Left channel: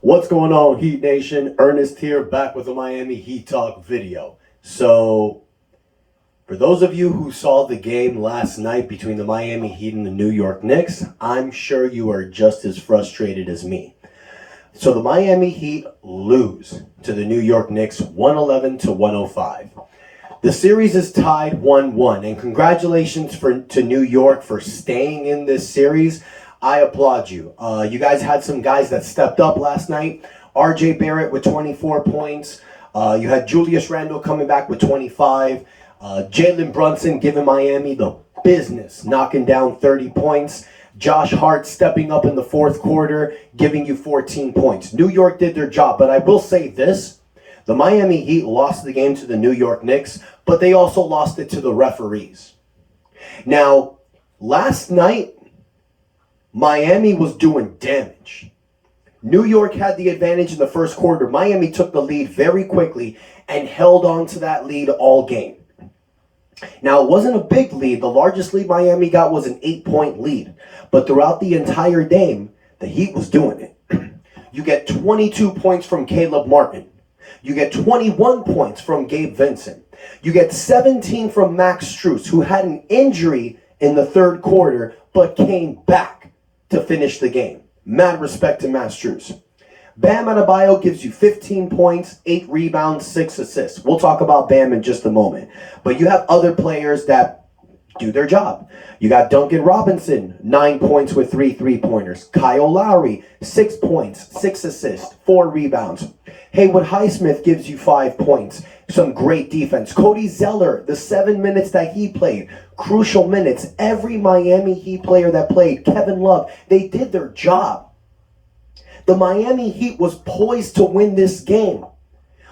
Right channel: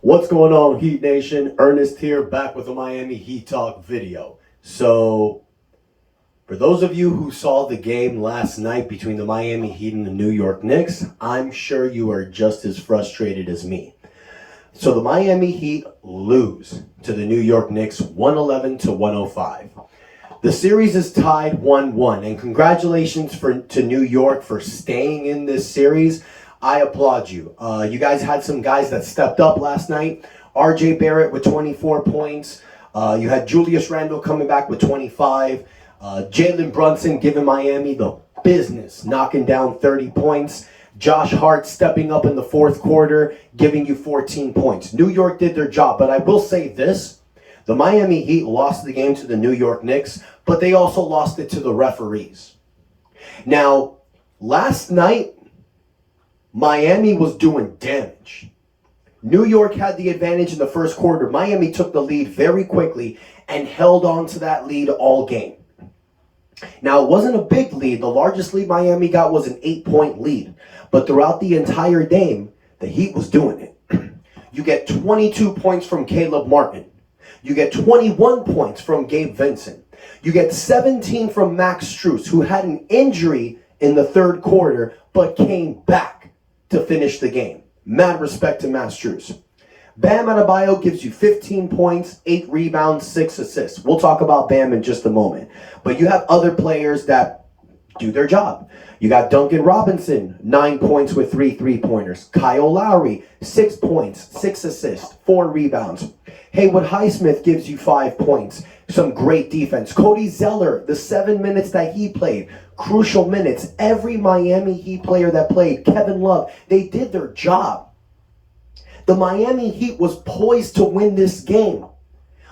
What's going on, Heat Nation? Ernest here, back with a Miami Heat Talk video. So, for those of you who saw the game last night between the Miami Heat and the New York Knicks, I'm sure you are just as frustrated as me. So the Miami Heat lose to the New York Knicks 111 to 105. The series is tied 1-1, and congratulations to New York for staying in this series. I applaud you. You guys had some guys that stepped up last night. R.J. Barrett with 24 points. You had Julius Randle coming back with 25. Jalen Brunson giving Miami the business, knocking down 30 points. Josh Hart stepping up in the fourth quarter, giving you 14 points. New York did their job, but I will say this. The Miami Heat lost the game to the New York Knicks, but they also lost it to the referees. Now, last night, Miami was doing damage. New York had the advantage in the first quarter. Miami took the lead very quickly and held on to that lead all game. Now, it wasn't a big lead. The largest lead Miami got was an 8-point lead. But throughout the entire game, the Heat was doing it. You get 22 points from Caleb Martin. You get 21 points from Gabe Vincent. You get 17 from Max Strus, who had an injury in the third quarter, but came back to finish the game. Mad respect to Max Strus. Bam Adebayo gives you 15 points, 8 rebounds, 6 assists. We'll talk about Bam in just a moment. But you have other players that do their job. You got Duncan Robinson, 9 points with 3 3-pointers. Kyle Lowry, 6 points, 6 assists, 4 rebounds. Haywood Highsmith gives you 5 points. Some great defense. Cody Zeller, the 7 minutes that he played, crucial minutes. Every Miami Heat player that played, Kevin Love, they did their job. The Miami Heat was poised to win this game.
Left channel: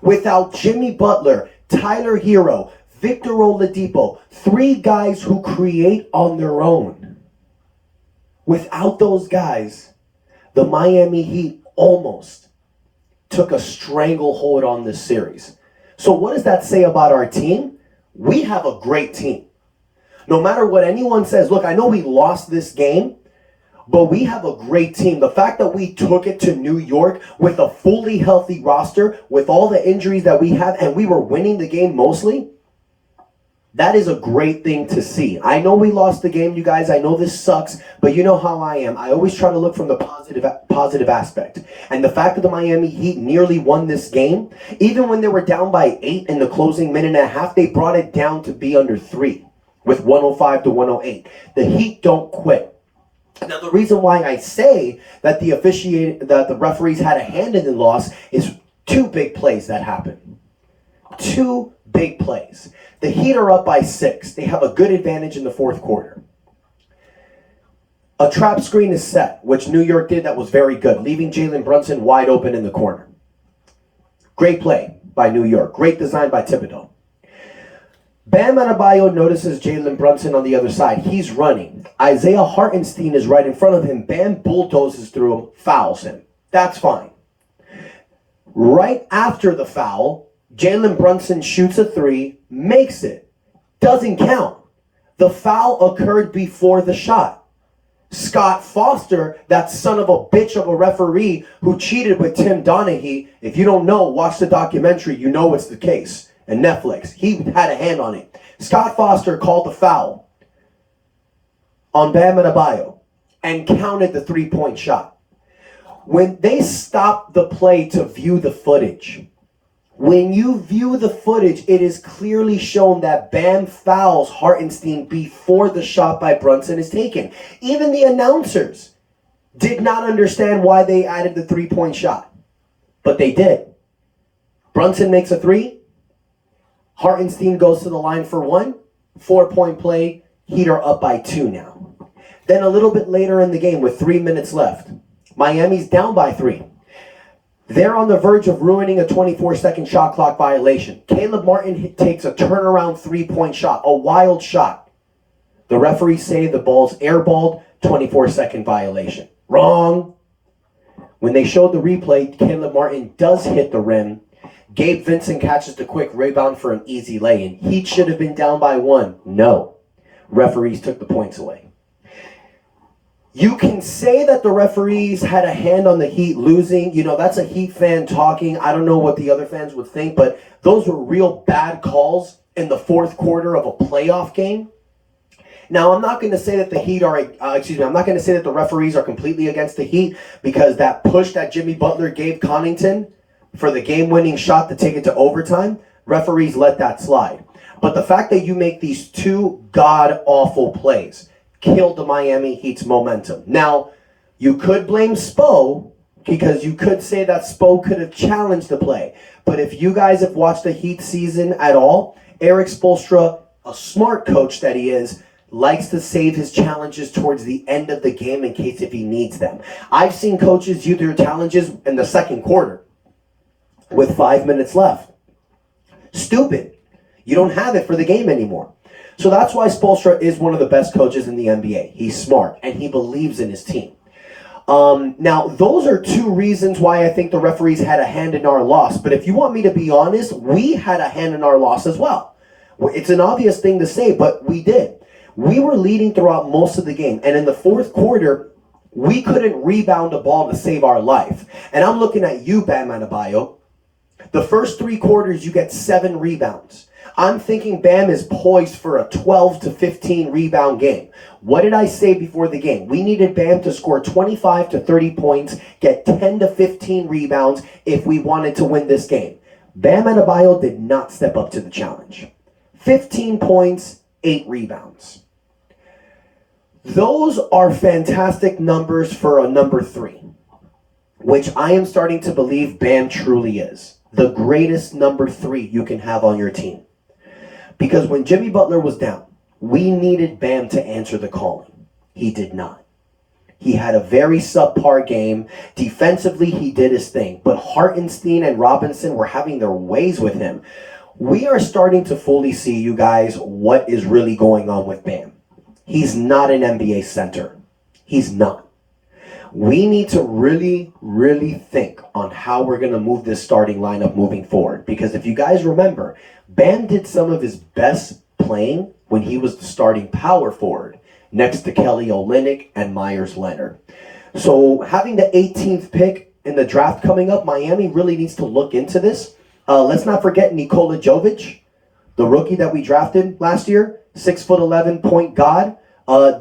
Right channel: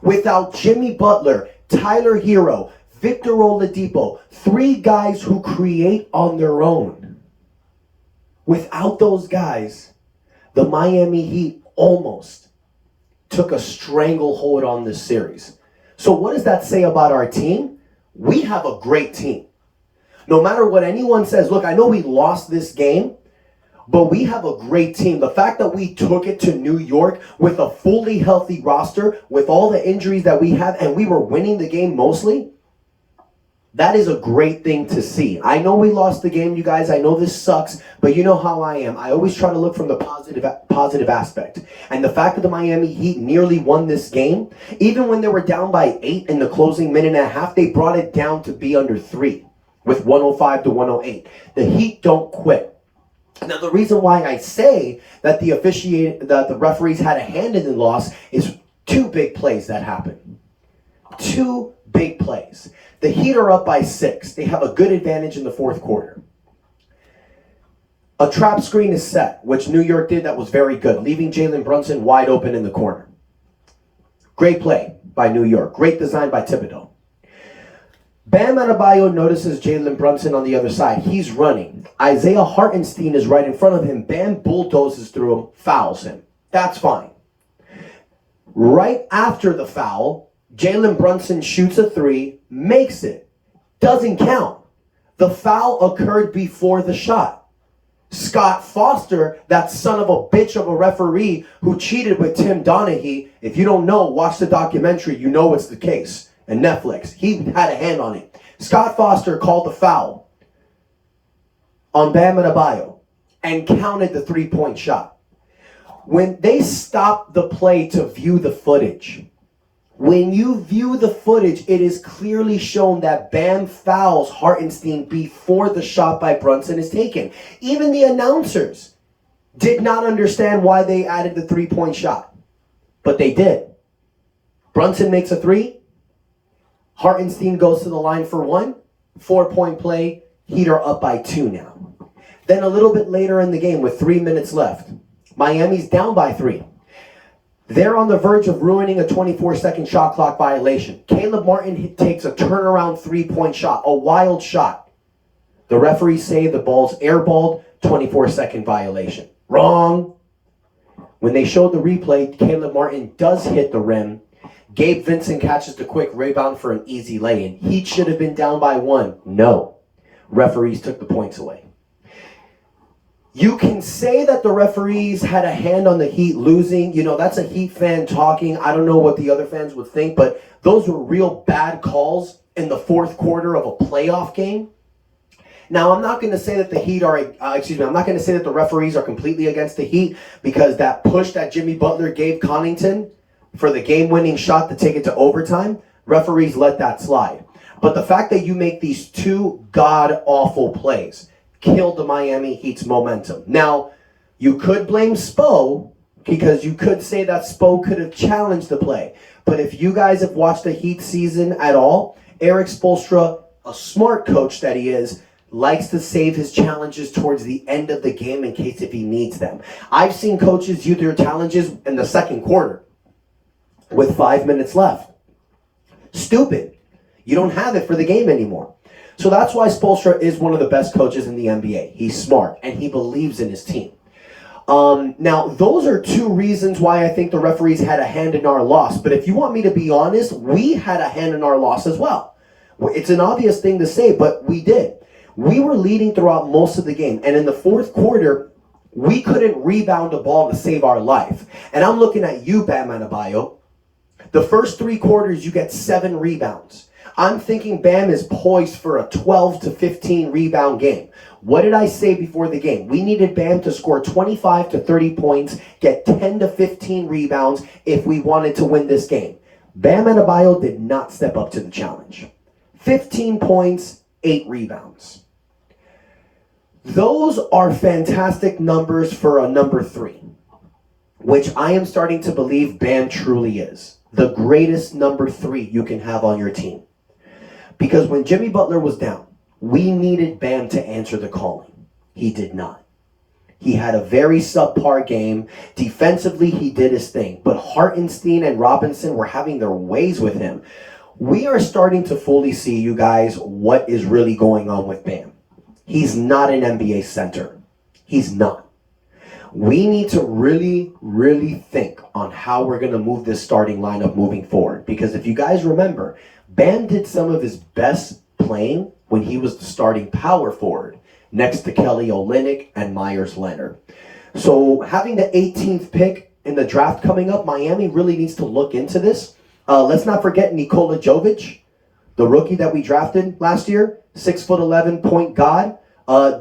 Without Jimmy Butler, Tyler Hero, Victor Oladipo, 3 guys who create on their own. Without those guys, the Miami Heat almost took a stranglehold on this series. So what does that say about our team? We have a great team. No matter what anyone says, look, I know we lost this game, but we have a great team. The fact that we took it to New York with a fully healthy roster, with all the injuries that we have, and we were winning the game mostly, that is a great thing to see. I know we lost the game, you guys. I know this sucks, but you know how I am. I always try to look from the positive aspect. And the fact that the Miami Heat nearly won this game, even when they were down by 8 in the closing minute and a half, they brought it down to be under 3 with 105 to 108. The Heat don't quit. Now, the reason why I say that the referees had a hand in the loss is 2 big plays that happened. 2 big plays. The Heat are up by 6. They have a good advantage in the fourth quarter. A trap screen is set, which New York did that was very good, leaving Jalen Brunson wide open in the corner. Great play by New York. Great design by Thibodeau. Bam Adebayo notices Jalen Brunson on the other side. He's running. Isaiah Hartenstein is right in front of him. Bam bulldozes through him, fouls him. That's fine. Right after the foul, Jalen Brunson shoots a 3, makes it. Doesn't count. The foul occurred before the shot. Scott Foster, that son of a bitch of a referee who cheated with Tim Donaghy, if you don't know, watch the documentary, you know it's the case. And Netflix, he had a hand on it. Scott Foster called the foul on Bam Adebayo and counted the 3-point shot. When they stopped the play to view the footage, when you view the footage, it is clearly shown that Bam fouls Hartenstein before the shot by Brunson is taken. Even the announcers did not understand why they added the 3-point shot, but they did. Brunson makes a 3. Hartenstein goes to the line for 1. 4-point play. Heat are up by 2 now. Then a little bit later in the game with 3 minutes left, Miami's down by 3. They're on the verge of ruining a 24-second shot clock violation. Caleb Martin takes a turnaround 3-point shot, a wild shot. The referees say the ball's airballed, 24-second violation. Wrong. When they showed the replay, Caleb Martin does hit the rim. Gabe Vincent catches the quick rebound for an easy lay-in. Heat should have been down by 1. No. Referees took the points away. You can say that the referees had a hand on the Heat losing. You know, that's a Heat fan talking. I don't know what the other fans would think, but those were real bad calls in the fourth quarter of a playoff game. Now, I'm not going to say that the Heat are, I'm not going to say that the referees are completely against the Heat, because that push that Jimmy Butler gave Connaughton for the game-winning shot to take it to overtime, referees let that slide. But the fact that you make these two god-awful plays killed the Miami Heat's momentum. Now, you could blame Spo, because you could say that Spo could have challenged the play. But if you guys have watched the Heat season at all, Eric Spoelstra, a smart coach that he is, likes to save his challenges towards the end of the game in case if he needs them. I've seen coaches use their challenges in the second quarter with 5 minutes left. Stupid. You don't have it for the game anymore. So that's why Spoelstra is one of the best coaches in the NBA. He's smart, and he believes in his team. Now, those are two reasons why I think the referees had a hand in our loss. But if you want me to be honest, we had a hand in our loss as well. It's an obvious thing to say, but we did. We were leading throughout most of the game. And in the fourth quarter, we couldn't rebound a ball to save our life. And I'm looking at you, Bam Adebayo. The first 3 quarters, you get 7 rebounds. I'm thinking Bam is poised for a 12 to 15 rebound game. What did I say before the game? We needed Bam to score 25 to 30 points, get 10 to 15 rebounds if we wanted to win this game. Bam Adebayo did not step up to the challenge. 15 points, 8 rebounds. Those are fantastic numbers for a number 3, which I am starting to believe Bam truly is. The greatest number 3 you can have on your team. Because when Jimmy Butler was down, we needed Bam to answer the calling. He did not. He had a very subpar game. Defensively, he did his thing. But Hartenstein and Robinson were having their ways with him. We are starting to fully see, you guys, what is really going on with Bam. He's not an NBA center. He's not. We need to really, really think on how we're going to move this starting lineup moving forward. Because if you guys remember, Bam did some of his best playing when he was the starting power forward next to Kelly Olynyk and Myers Leonard. So having the 18th pick in the draft coming up, Miami really needs to look into this. Let's not forget Nikola Jovic, the rookie that we drafted last year, 6'11" point guard.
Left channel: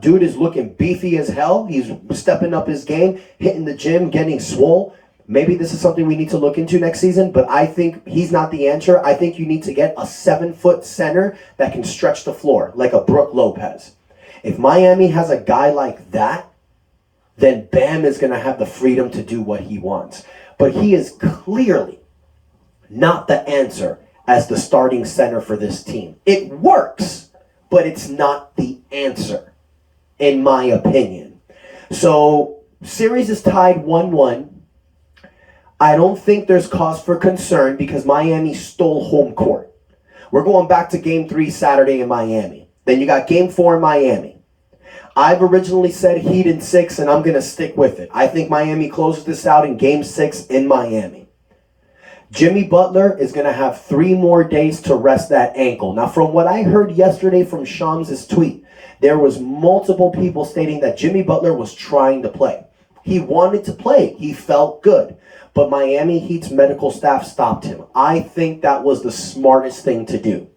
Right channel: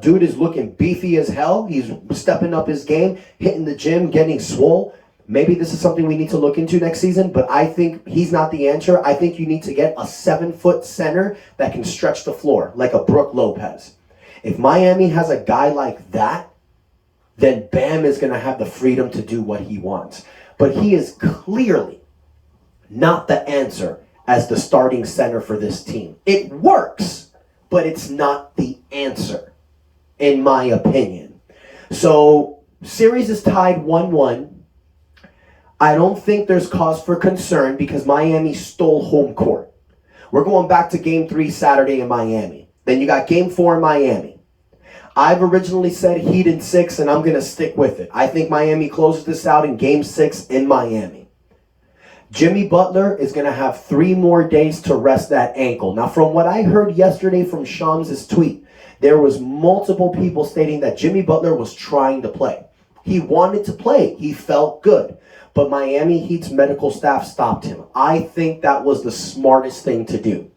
Dude is looking beefy as hell. He's stepping up his game, hitting the gym, getting swole. Maybe this is something we need to look into next season, but I think he's not the answer. I think you need to get a 7-foot center that can stretch the floor, like a Brook Lopez. If Miami has a guy like that, then Bam is going to have the freedom to do what he wants. But he is clearly not the answer as the starting center for this team. It works, but it's not the answer, in my opinion. So, series is tied 1-1. I don't think there's cause for concern because Miami stole home court. We're going back to Game 3 Saturday in Miami. Then you got Game 4 in Miami. I've originally said Heat in 6, and I'm going to stick with it. I think Miami closes this out in Game 6 in Miami. Jimmy Butler is going to have 3 more days to rest that ankle. Now, from what I heard yesterday from Shams' tweet, there was multiple people stating that Jimmy Butler was trying to play. He wanted to play. He felt good. But Miami Heat's medical staff stopped him. I think that was the smartest thing to do.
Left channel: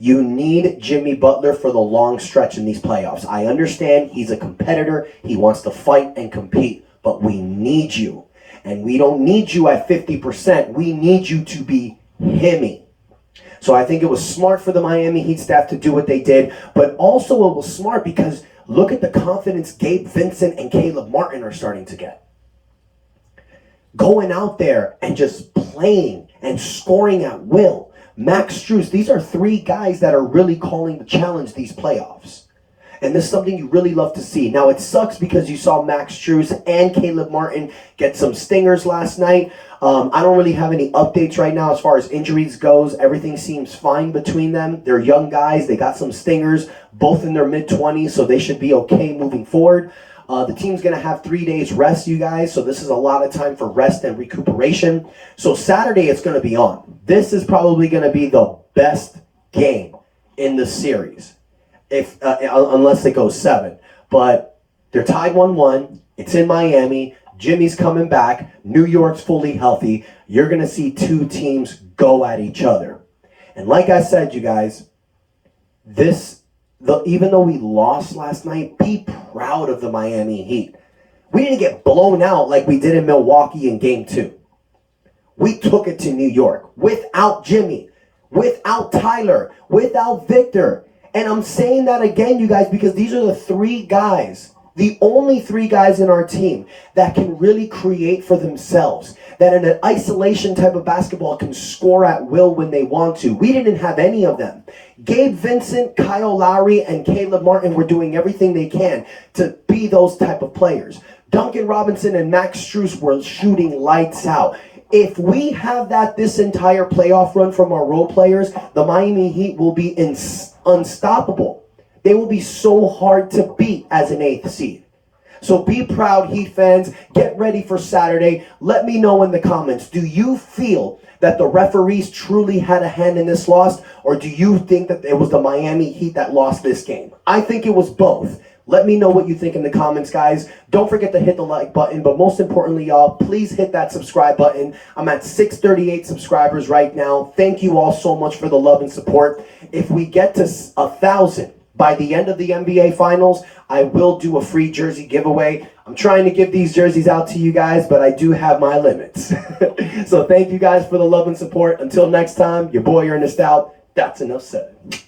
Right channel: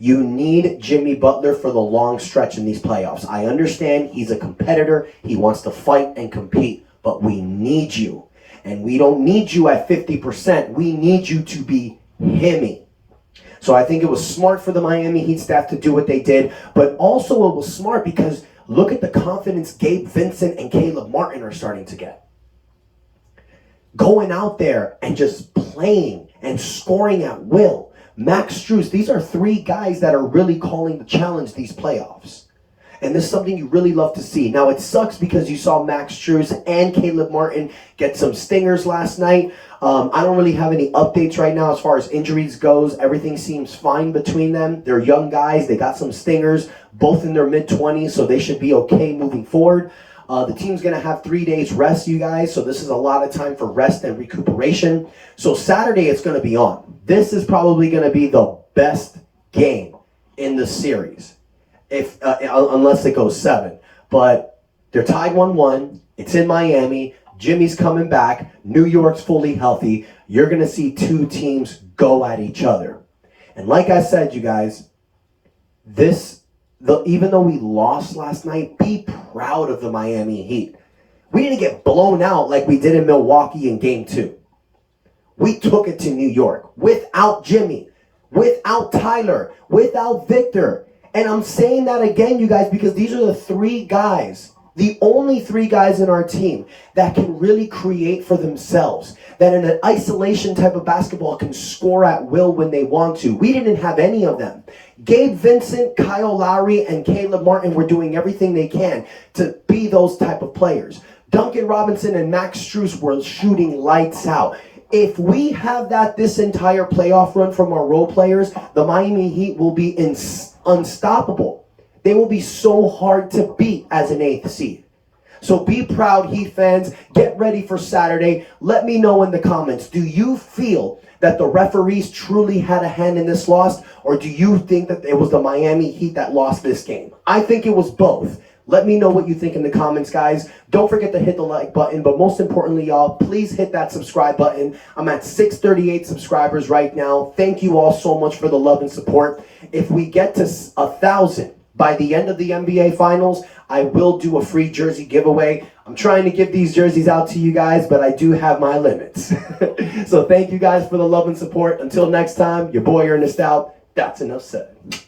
You need Jimmy Butler for the long stretch in these playoffs. I understand he's a competitor. He wants to fight and compete. But we need you. And we don't need you at 50%. We need you to be himmy. So I think it was smart for the Miami Heat staff to do what they did. But also it was smart because look at the confidence Gabe Vincent and Caleb Martin are starting to get. Going out there and just playing and scoring at will. Max Strus, these are 3 guys that are really calling the challenge these playoffs. And this is something you really love to see. Now, it sucks because you saw Max Strus and Caleb Martin get some stingers last night. I don't really have any updates right now as far as injuries goes. Everything seems fine between them. They're young guys. They got some stingers, both in their mid-20s, so they should be okay moving forward. The team's going to have 3 days rest, you guys, so this is a lot of time for rest and recuperation. So Saturday, it's going to be on. This is probably going to be the best game in the series, if unless it goes 7. But They're tied 1-1. It's in Miami. Jimmy's coming back. New York's fully healthy. You're going to see two teams go at each other. And like I said, you guys, even though we lost last night, be proud of the Miami Heat. We didn't get blown out like we did in Milwaukee in Game 2. We took it to New York without Jimmy, without Tyler, without Victor. And I'm saying that again, you guys, because these are the three guys, the only three guys in our team that can really create for themselves, that in an isolation type of basketball can score at will when they want to. We didn't have any of them. Gabe Vincent, Kyle Lowry, and Caleb Martin were doing everything they can to be those type of players. Duncan Robinson and Max Strus were shooting lights out. If we have that this entire playoff run from our role players, the Miami Heat will be unstoppable. They will be so hard to beat as an 8th seed. So be proud, Heat fans. Get ready for Saturday. Let me know in the comments. Do you feel that the referees truly had a hand in this loss? Or do you think that it was the Miami Heat that lost this game? I think it was both. Let me know what you think in the comments, guys. Don't forget to hit the like button, but most importantly, y'all, please hit that subscribe button. I'm at 638 subscribers right now. Thank you all so much for the love and support. If we get to 1,000 by the end of the NBA Finals, I will do a free jersey giveaway. I'm trying to give these jerseys out to you guys, but I do have my limits. So thank you guys for the love and support. Until next time, your boy Ernest out. That's enough said.